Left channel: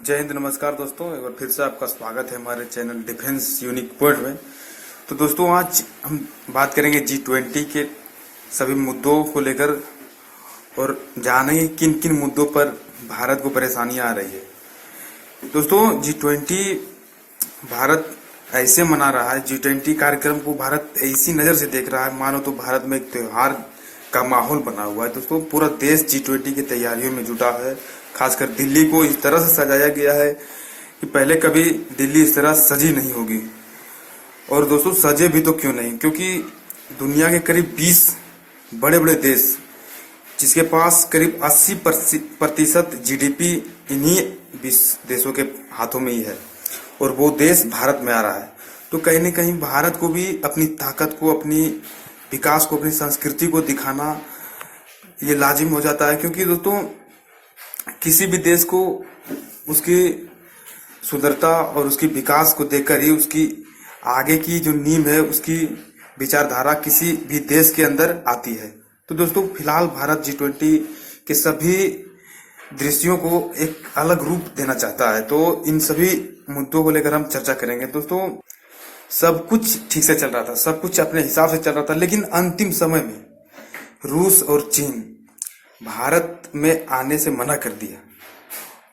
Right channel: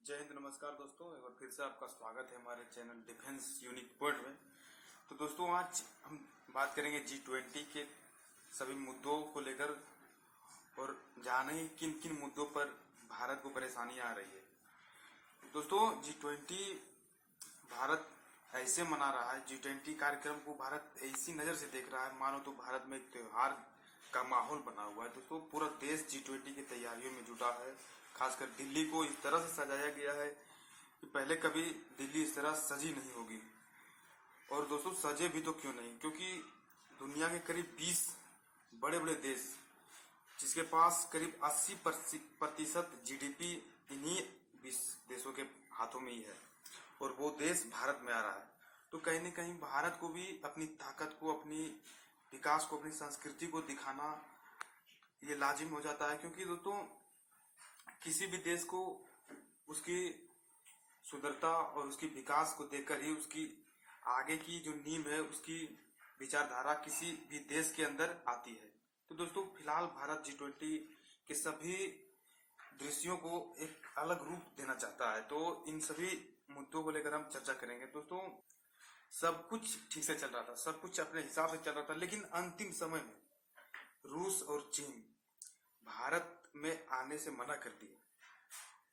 जय हिंद, नमस्कार दोस्तों। एक बार फिर से आपका स्वागत है हमारे चैनल डिफेंस यूनिक पॉइंट में। तो दोस्तों, आज हम बात करेंगे G20 के सभी मुद्दों को लेकर और जानेंगे किन किन मुद्दों पर भारत को परेशानियां आ रही है। दोस्तों, G20 भारत ऐसे मना रहा है, G20 कार्यक्रम को भारत ऐसी नज़र से देख रहा है मानो तो भारत में एक त्योहार का माहौल बना हुआ है। दोस्तों, पूरा देश G20 की तैयारियों में जुटा है। खासकर दिल्ली को इस तरह से सजाया गया है कि पहले कभी दिल्ली इस तरह सजी नहीं होगी। और दोस्तों, सजे भी तो क्यों नहीं, क्योंकि दुनिया के करीब 20 बड़े बड़े देश, जिसके पास करीब 80% GDP इन्हीं 20 देशों के हाथों में ही है, और वो देश भारत में आ रहा है। तो कहीं न कहीं भारत को भी अपनी ताकत को, अपनी विकास को, अपनी संस्कृति को दिखाना ये लाजिम हो जाता है। क्योंकि दोस्तों, किसी भी देश को उसकी सुंदरता और उसकी विकास को देखकर ही उसकी आगे की जो नींव है, उसकी विचारधारा किसी भी देश के अंदर आती है। तो दोस्तों, फिलहाल भारत G20 के सभी दृश्यों को एक अलग रूप देना चाहता है। तो इन सभी मुद्दों को लेकर हम चर्चा करेंगे। दोस्तों, सब कुछ ठीक से चल रहा था, सब कुछ अपने हिसाब से चल रहा था, लेकिन अंतिम समय में रूस और चीन भारत में आने से मना कर दिया।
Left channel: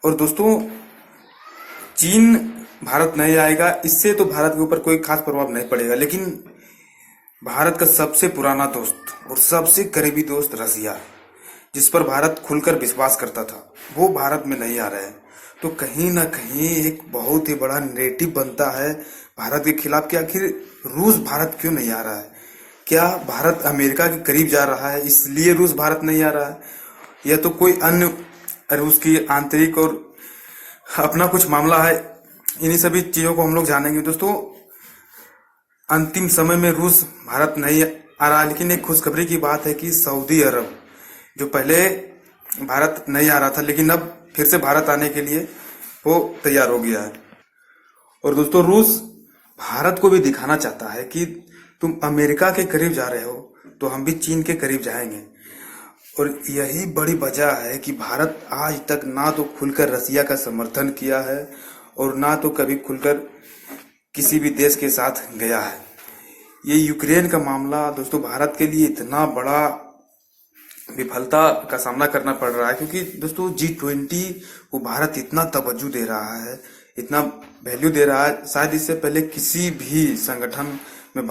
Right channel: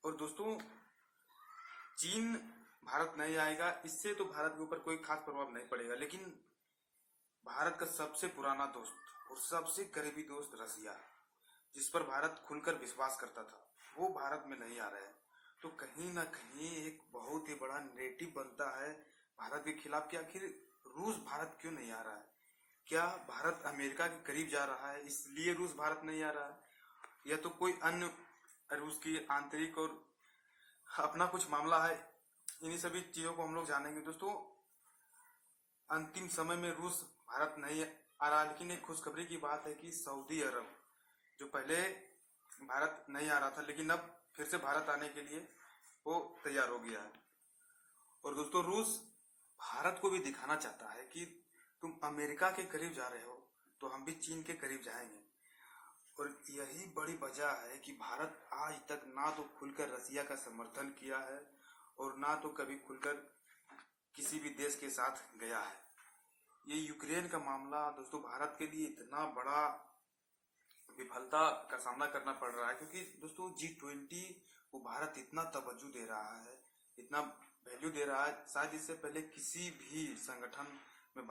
और दोस्तों, चीन भारत नहीं आएगा, इससे तो भारत के ऊपर कोई खास प्रभाव नहीं पड़ेगा, लेकिन भारत का सबसे पुराना दोस्त और सबसे करीबी दोस्त रसिया, जिस पर भारत खुलकर विश्वास करता था, वो भारत में नहीं आ रहा है। तो कहीं ना कहीं एक बहुत ही बड़ा नेरेटिव बनता है भारत के खिलाफ कि आखिर रूस भारत क्यों नहीं आ रहा है। क्या भारत अमेरिका के करीब जा रहा है इसलिए रूस भारत नहीं आ रहा है, या तो कोई अन्य रूस की आंतरिक और अपना कुछ मामला है। इन्हीं सभी चीजों को हम लोग जानेंगे। दोस्तों, अंतिम समय में रूस भारत नहीं आ रहा, लेकिन एक खुशखबरी की बात है कि सऊदी अरब, जो पहले भारत नहीं आ रहा था लेकिन अब फिर से भारत आने के लिए वो तैयार हो गया है। और दोस्तों, रूस भारत को भी दिखाना चाहता है कि तुम अमेरिका के करीब जा रहे हो तो हम भी चीन के करीब जाएंगे। और यही बड़ी वजह है कि भारत आज तक ना तो खुलकर रसिया का समर्थन किया है और ना तो कभी खुलकर किसी भी देश के साथ गया है। ये यूक्रेन का मामला दोस्तों भारत के लिए इतना बड़ा विफलता का सामना करना पड़ रहा है, क्योंकि दोस्तों G20 को भारत इतना तवज्जो दे रहा है, इतना वैल्यू दे रहा है, शायद इससे पहले किसी भी संगठन